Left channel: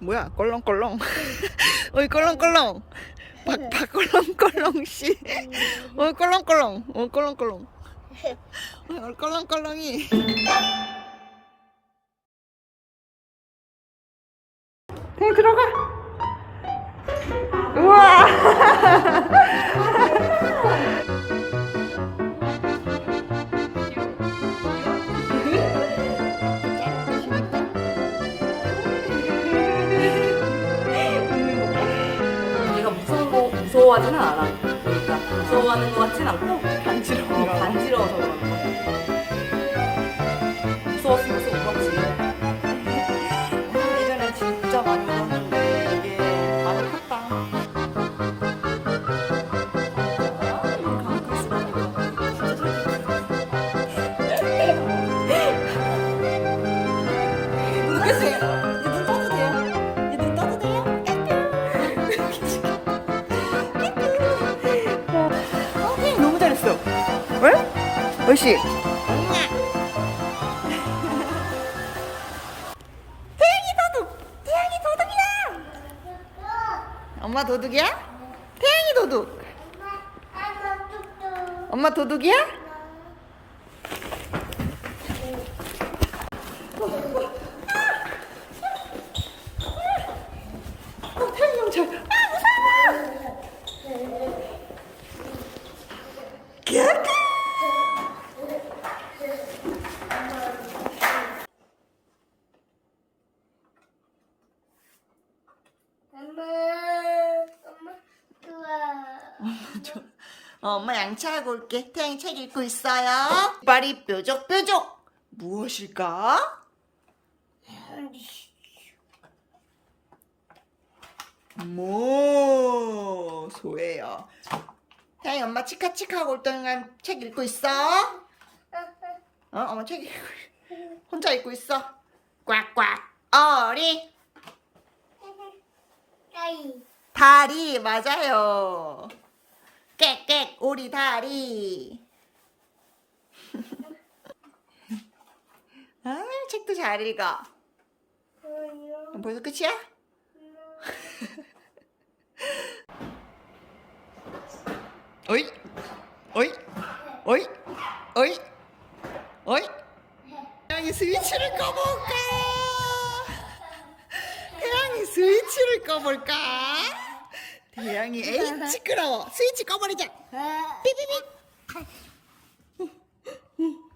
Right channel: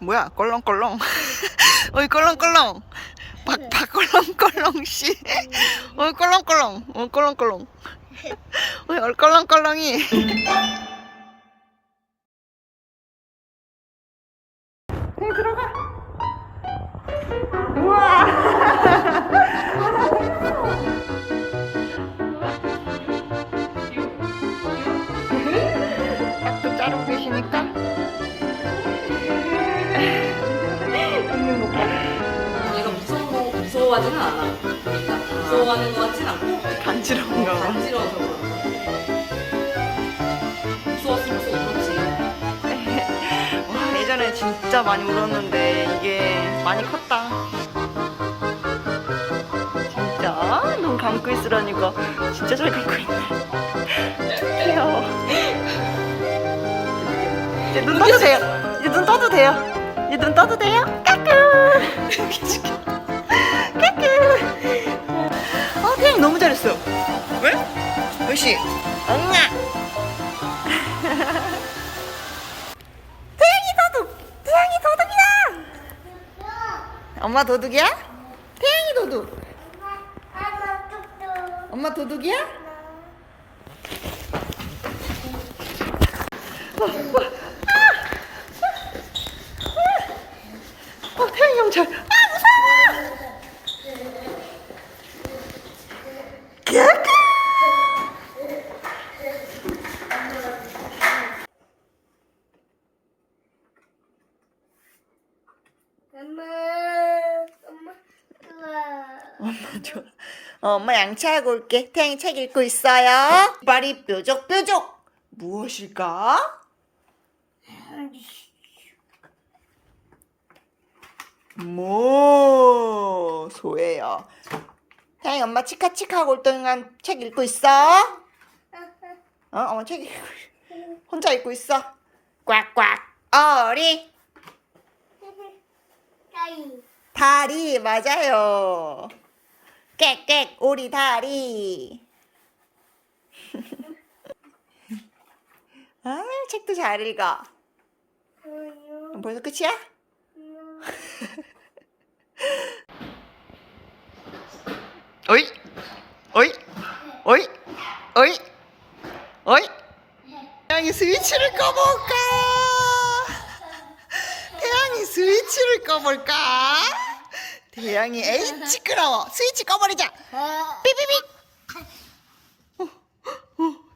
뭐야? 껄렁껄렁. 어이 껄렁껄렁. 박 박 껄렁껄렁 씨. 어이 껄렁껄렁. 어 껄렁껄렁. 어이 얼 껄렁껄렁이. 공 들어가. 우와. 또 자르고 무서워하지는 않아. 그러니까 무서워하는 것 같진 않고 간지러운가 봐 간지러워서 그런 거야. 무서웠으면 또 울었지. 와, 예전에 진짜 많이 울었는데 이게 많이 컸다. 진짜 눈 감고 있으라니까 진짜 잘 감고 있네. 귀여워. 이제 눈 떠도 돼요. 이제 눈 떠도 돼요. 이제 눈 떠도 돼요. 까꿍. 까꿍. 너무 잘했어. 왜? 왜씨? 엉아. 태양이 도둑! 태양이 도둑이다! 엄마 도둑이야? 태양이 도둑! 엄마 도둑이야? 어, 어, 아! 어, 태양이 형 잘. 아, 무서워! 까까! 엄마, 엄마, 좋아. 엄마 좋아. 어, 엄마 양치하고 올게. 태양이 책 읽고 있어요. 발이 뾰족뾰족. 무엇일까? 뭐 소예요. 태양이 엄마 치카치카 올 동안 책 읽고 있어. 어, 엄마 책 읽고 혼자 읽고 있어. 꽉꽉 어리 따이. 다리 맞아요. 깨깨 오리 다리. 아 책도 잘 읽어. 벌써 끝이야? 어이 어이 어이 어이 어이 태양이 스위치를 꺼볼까? 태양이 스위치를 꺼볼까? 태양이 에이 시끄러워. 스위치 꺼버리자. 삐삐삐. 어, 어,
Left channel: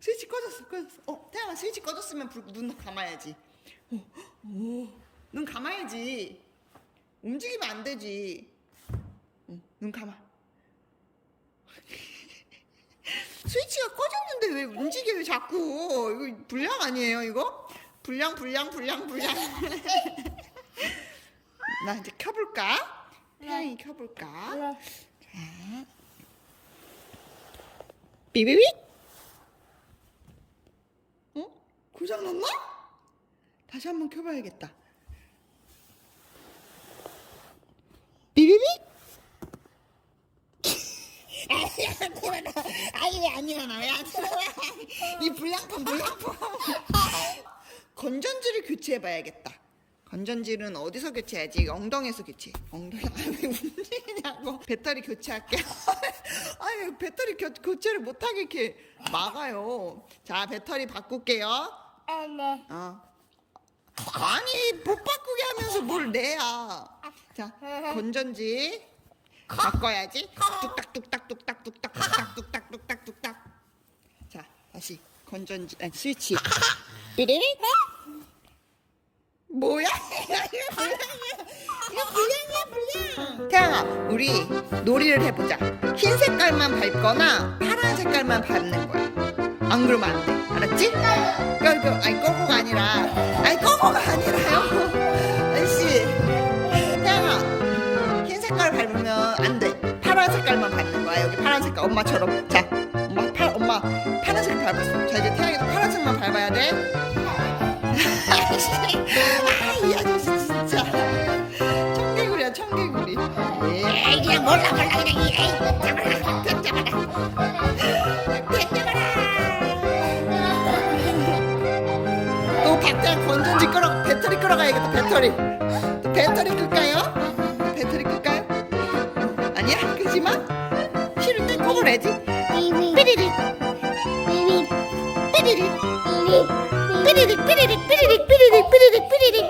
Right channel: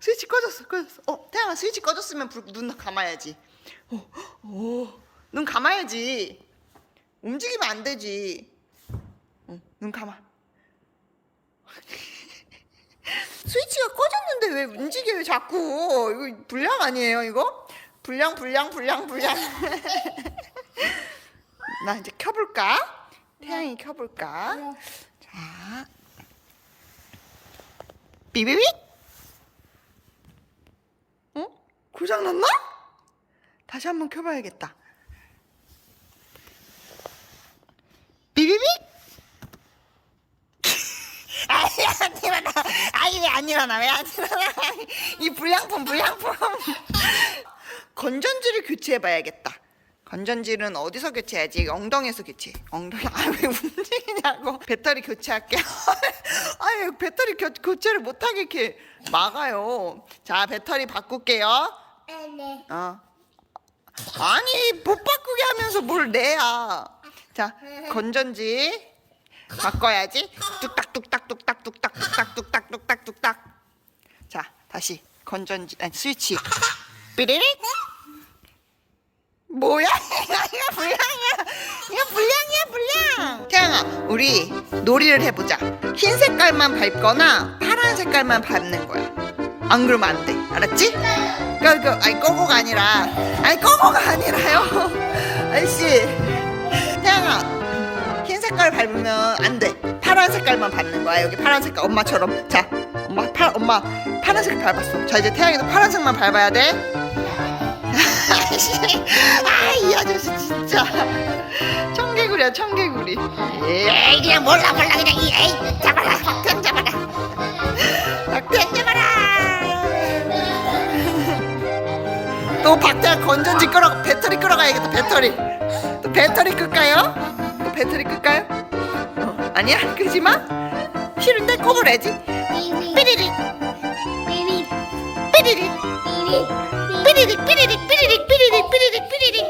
스위치 꺼졌어 꺼졌어. 어 태양아 스위치 꺼졌으면 불, 눈 감아야지. 어, 어, 눈 감아야지. 움직이면 안 되지. 어, 눈 감아. 스위치가 꺼졌는데 왜 움직여요 자꾸? 이거 불량 아니에요 이거? 불량 불량 불량 불량. 나 이제 켜볼까? 태양이 켜볼까? 자. 삐삐삐. 어? 고장 났나? 다시 한번 켜봐야겠다. 안 일어나. 아이 왜안 일어나. 왜 안 일어나? 이 불량품 불량품. 건전지를 교체해봐야겠다 건전지는 어디서 교체해야지? 엉덩이에서 교체. 엉덩이. 아왜 움직이냐고. 배터리 교체할게. 아유 배터리 교, 교체를 못하게 이렇게 막아요. 자 배터리 바꿀게요. 네. 어. 아니 못 바꾸게 하면서 뭘 내야. 자 건전지 바꿔야지. 뚝딱 뚝딱 뚝딱 뚝딱 뚝딱 뚝딱 뚝딱 뚝딱. 자 다시. 건전지 아니 스위치. 삐리리? 뭐야 이거 불량이야 이거 불량이야 불량 태양아 우리 놀이를 해보자 흰 색깔만 밟거나 파란 색깔만 밟는 거야 안 그러면 안 돼 알았지? 그, 그, 아니 꼬고가 아니라 아니 꼬고가 아니라요 아저씨 태양아 흰 색깔 밟으면 안 돼. 파란 색깔만 밟는 거야. 여기 파란 색깔 엄마처럼. 자, 엄마 파 엄마 파란색 밟았어. 자 이제 태양이도 파란색만 밟아야 돼. 아이 아저씨 진짜 청개구리야 청개구리. 에이 그냥 몰라 몰라 그냥 이 에이 잡아라 닭 잡아라 닭 잡아라. 또 박태환 건전지 끌어 배터리 끌어가야겠다 배터리 또 배터리 끌까요? 또 배터리 끌까요? 어, 아니야 끄지 마 싫은데 꺼버려야지 삐리릭 삐리릭 삐리릭 삐리릭 삐리릭 삐리릭 삐리릭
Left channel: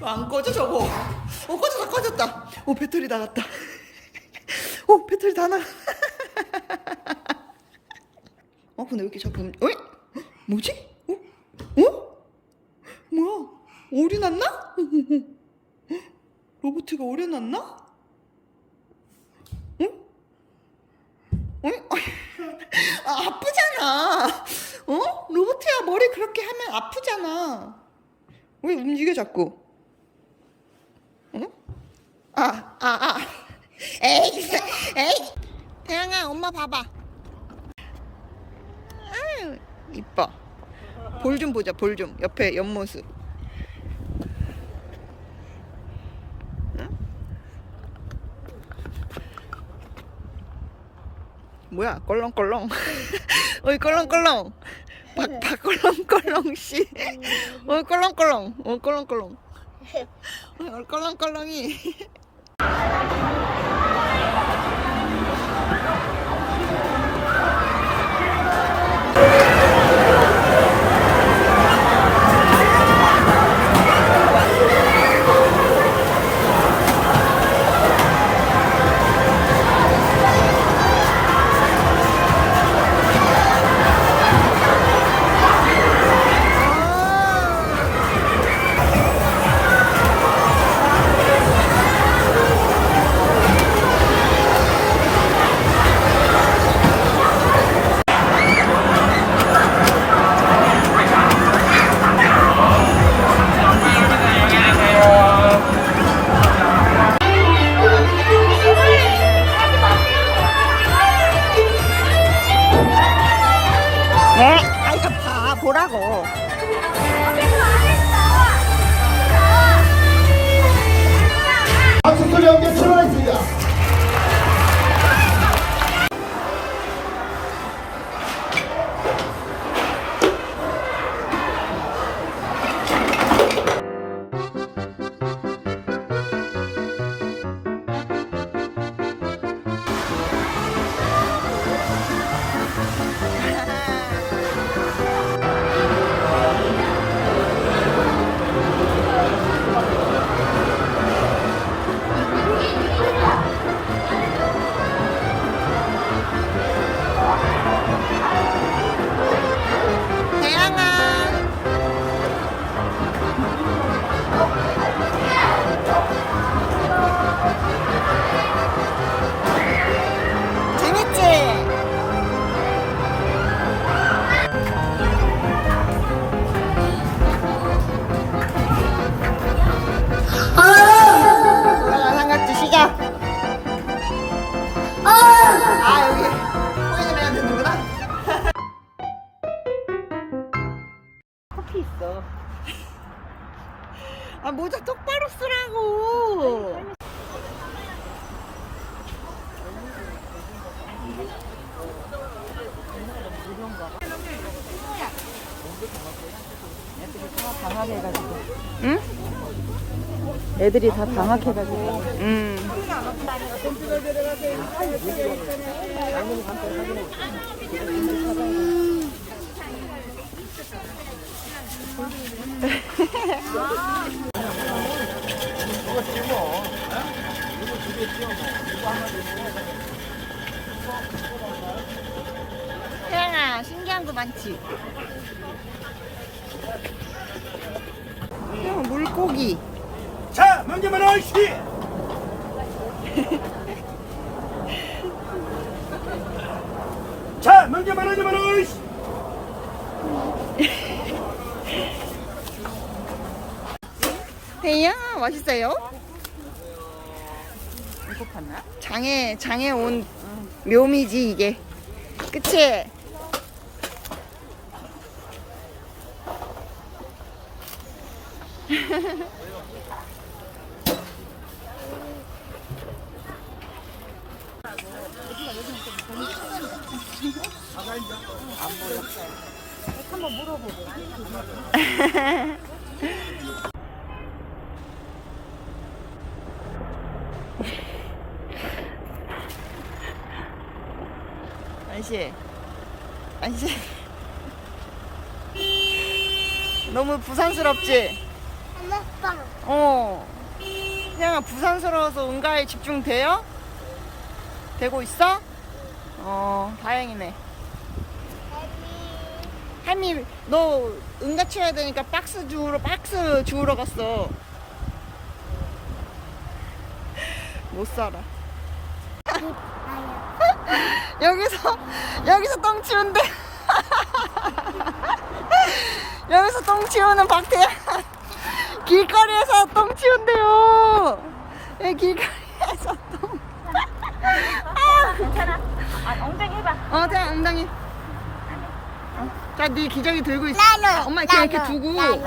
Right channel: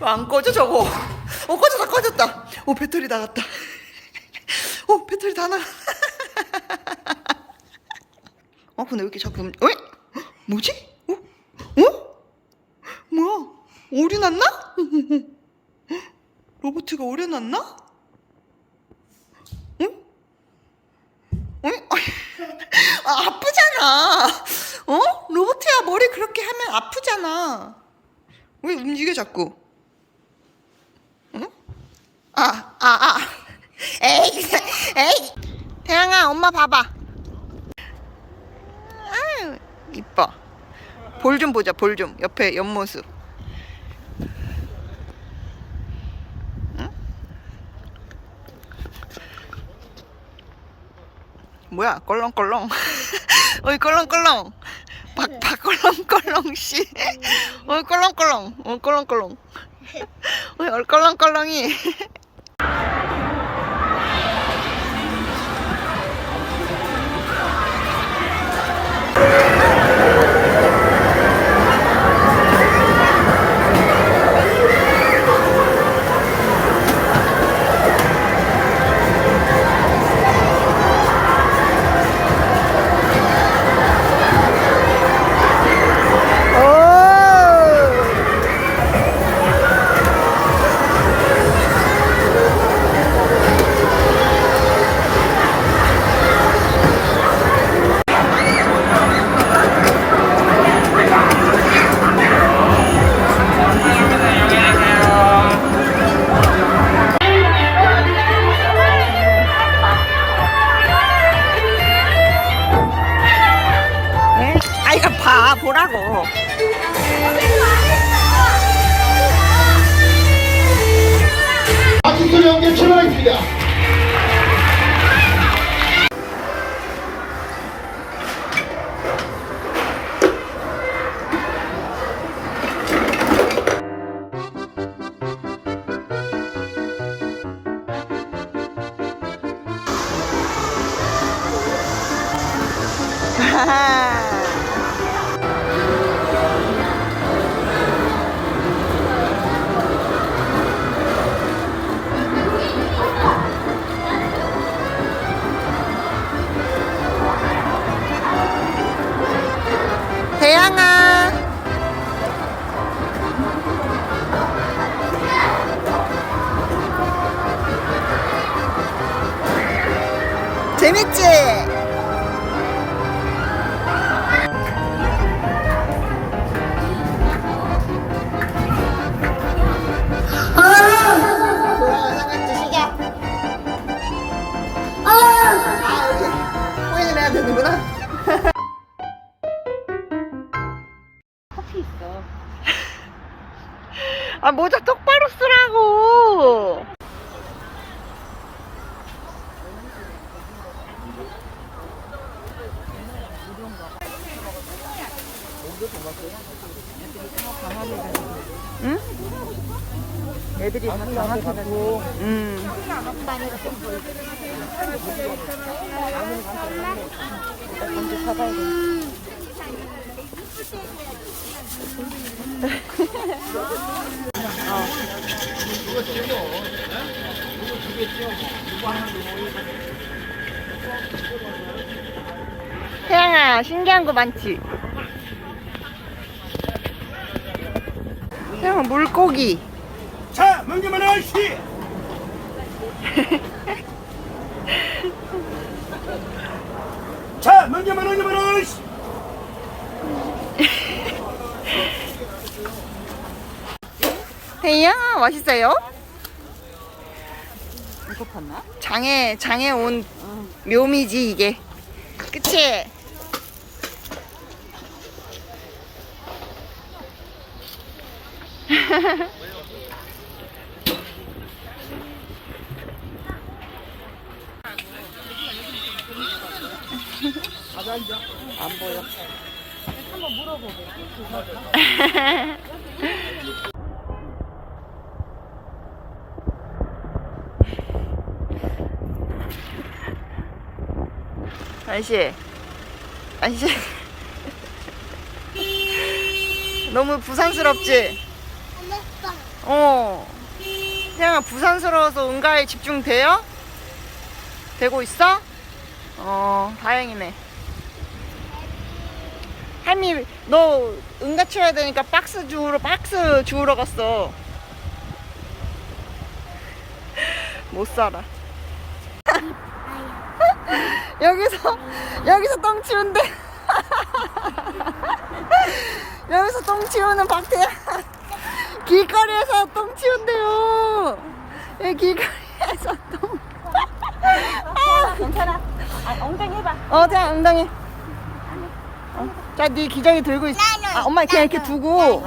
안 꺼져 저거 어 꺼졌다 꺼졌다 오 배터리 나갔다 오 배터리 다 나가 어 근데 왜 이렇게 자꾸 음- 어? 뭐지? 어? 어? 뭐야 오류 났나? 로보트가 오류 났나? 응? 응? 아, 아프잖아. 어? 로봇이야 머리 그렇게 하면 아프잖아. 왜 움직여 자꾸? 응? 아, 아, 아. 에이, 에이. 태양아, 엄마 봐봐. 아유, 이뻐. 볼 좀 보자, 볼 좀. 옆에 옆모습. 응? 뭐야, 껄렁껄렁. 어이, 껄렁껄렁. 박, 박, 껄렁껄렁, 씨. 어이, 껄렁껄렁. 어이, 껄렁껄렁. 어이, 얼껄렁껄렁이. 대양아. 재밌지? 돌아가는 삼각지 시작 아 여기 포인을 해야 되는구나 아 모자 똑바로 쓰라고. 응? 애들이 다 장악해가지고. 음. 태양아 신기한 거 많지? 태양아 물고기 자, 명재만 아저씨. 자, 명재만 아저씨. 태양아 맛있어요? 장에 장에 온 묘미지 이게 그치? 아저씨, 아저씨. 너무 부산스럽지? 어. 태양아, 부산스러워서 응가에 집중돼요? 되고 있어? 어, 다행이네. 할미, 너 응가 치워야 되니까 박스 주우러, 박스 주우러 갔어. 못 살아. 여기서, 여기서 똥 치운대. 여기서 똥 치우는 박태양. 길거리에서 똥 치운대요. 예, 길거리에서 똥. 아, 괜찮아. 엉덩이 해봐. 어, 태양 엉덩이. 어. 자, 네 기저귀 들고 있어. 아, 엄마 그냥 이렇게 두고.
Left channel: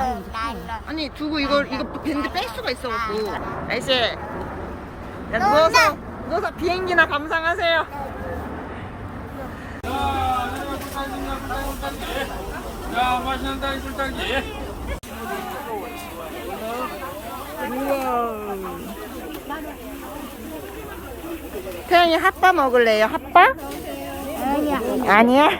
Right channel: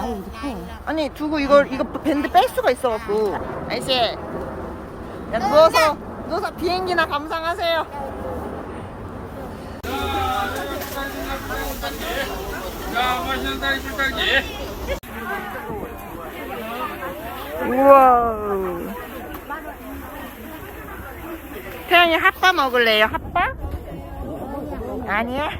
아니, 두고 이걸 이거 밴드 뺄 수가 있어갖고. 아이씨. 야, 누워서 누워서 비행기나 감상하세요. 우와. 태양이 핫바 먹을래요? 핫바? 아니야. 아니야.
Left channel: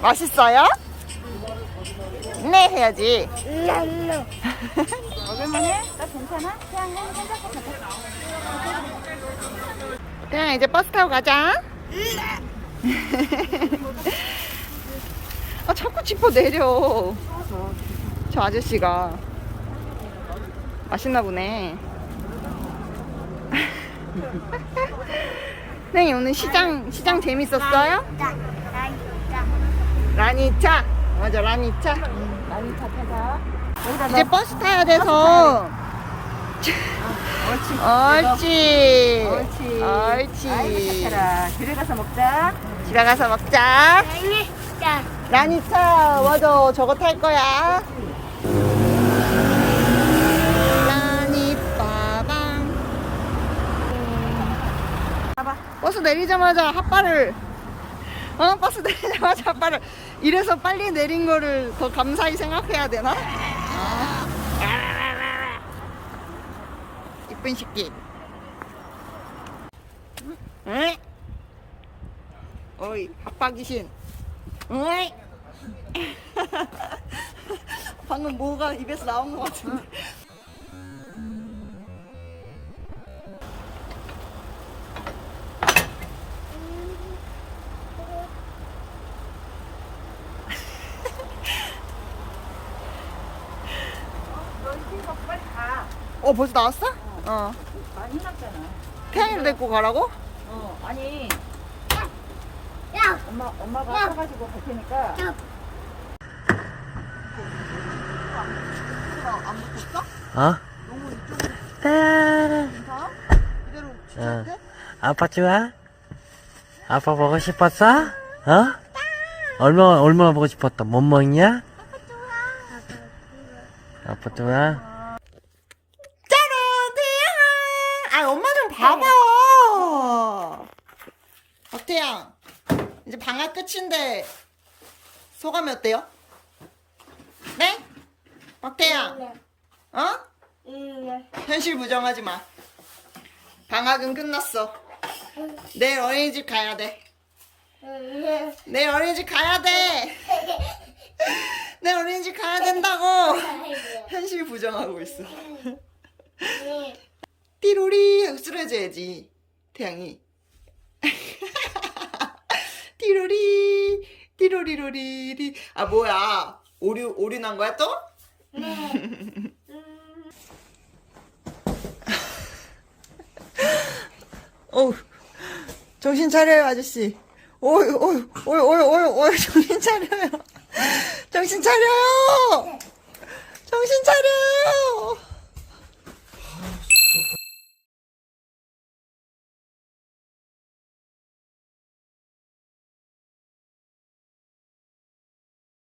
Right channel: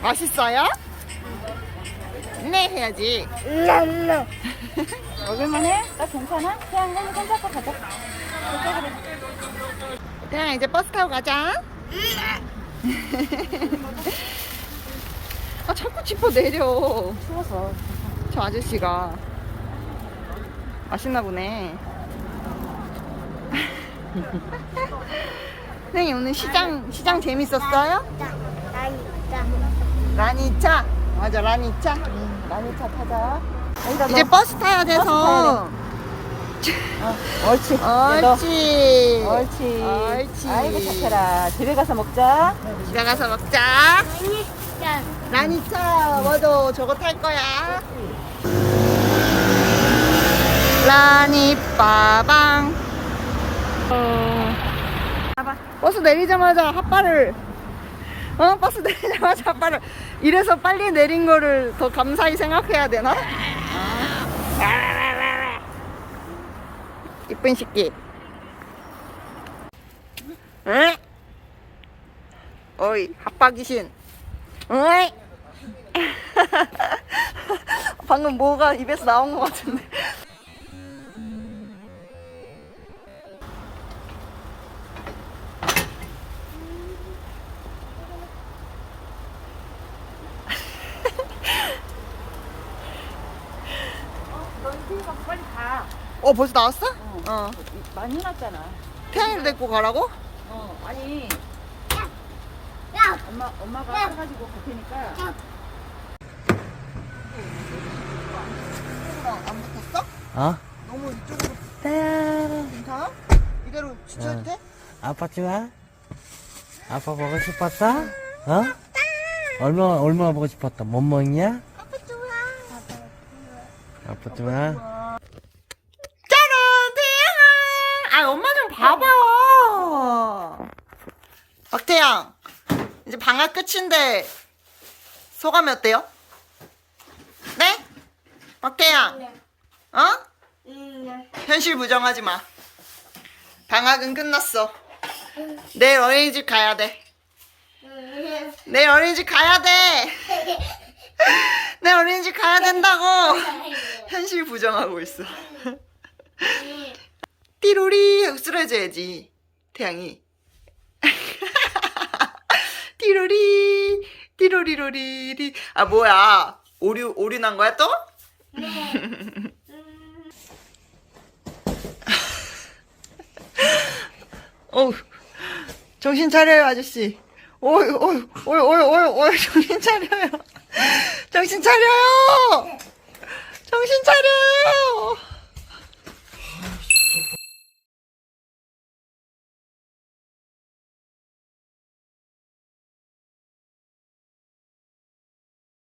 맛있어요? 네 해야지. 랄라. 태양 이제 버스 타고 가자. 아 자꾸 짚어 내려. 저 아저씨가 맛있나 보네. 선생님 오늘 시장 시장 재밌었어요? 나, 나, 나. 라니차 맞아 라니차. 이제 버스 타야 돼서. 옳지. 옳지. 옳지. 옳지. 아이고 착해라. 집에 가서 먹자. 집에 가서 먹자. 아니, 나. 라니차 맞아 저거 탈 거야 라니 빠방 어. 봐봐 버스 내리자마자 핫바를 어 버스 내리자마자 핫바를 이래서 빨리 내린 거를 더 감사히 생각해야 되나? 아. 이쁜 새끼 응? 어이 핫바 귀신 어이 방금 뭐가 입에서 나온 것 같은데. 어 벌써 나왔어? 어. 많이 났잖아. 태양이를 데리고 가라고? 어, 아니 야, 엄마 엄마가 사가지고 갈 테니까. 야. 안 붙었어? 어? 너무 이쪽으로 네. 괜찮아? 이대로 주차해도 돼? 아빠 좋아? 아빠 보고 싶었어? 어? 얼마나 얼마나 보고 싶었다. 못 먹냐? 아빠 좋아? 짜란 태양아 아 엄마 좀 봐봐 박태양 이제 방학 끝인데 소감이 어때요? 네? 박태양 어? 현실 부정하지 마. 방학은 끝났어. 내일 어린이집 가야 돼. 내일 어린이집 가야 돼. 내일 어린이집 가야 된다고. 현실 부정하고 있어. 띠로리. 쓰러져야지 태양이 띠로리 띠로리로리리. 아 뭐야? 오류 오류 난 거야 또? 네. 어 정신 차려요 아저씨. 오이 오이 오이 오이 오이 오이 정신 차려요. 정신 차려요. 네. 정신 차려요.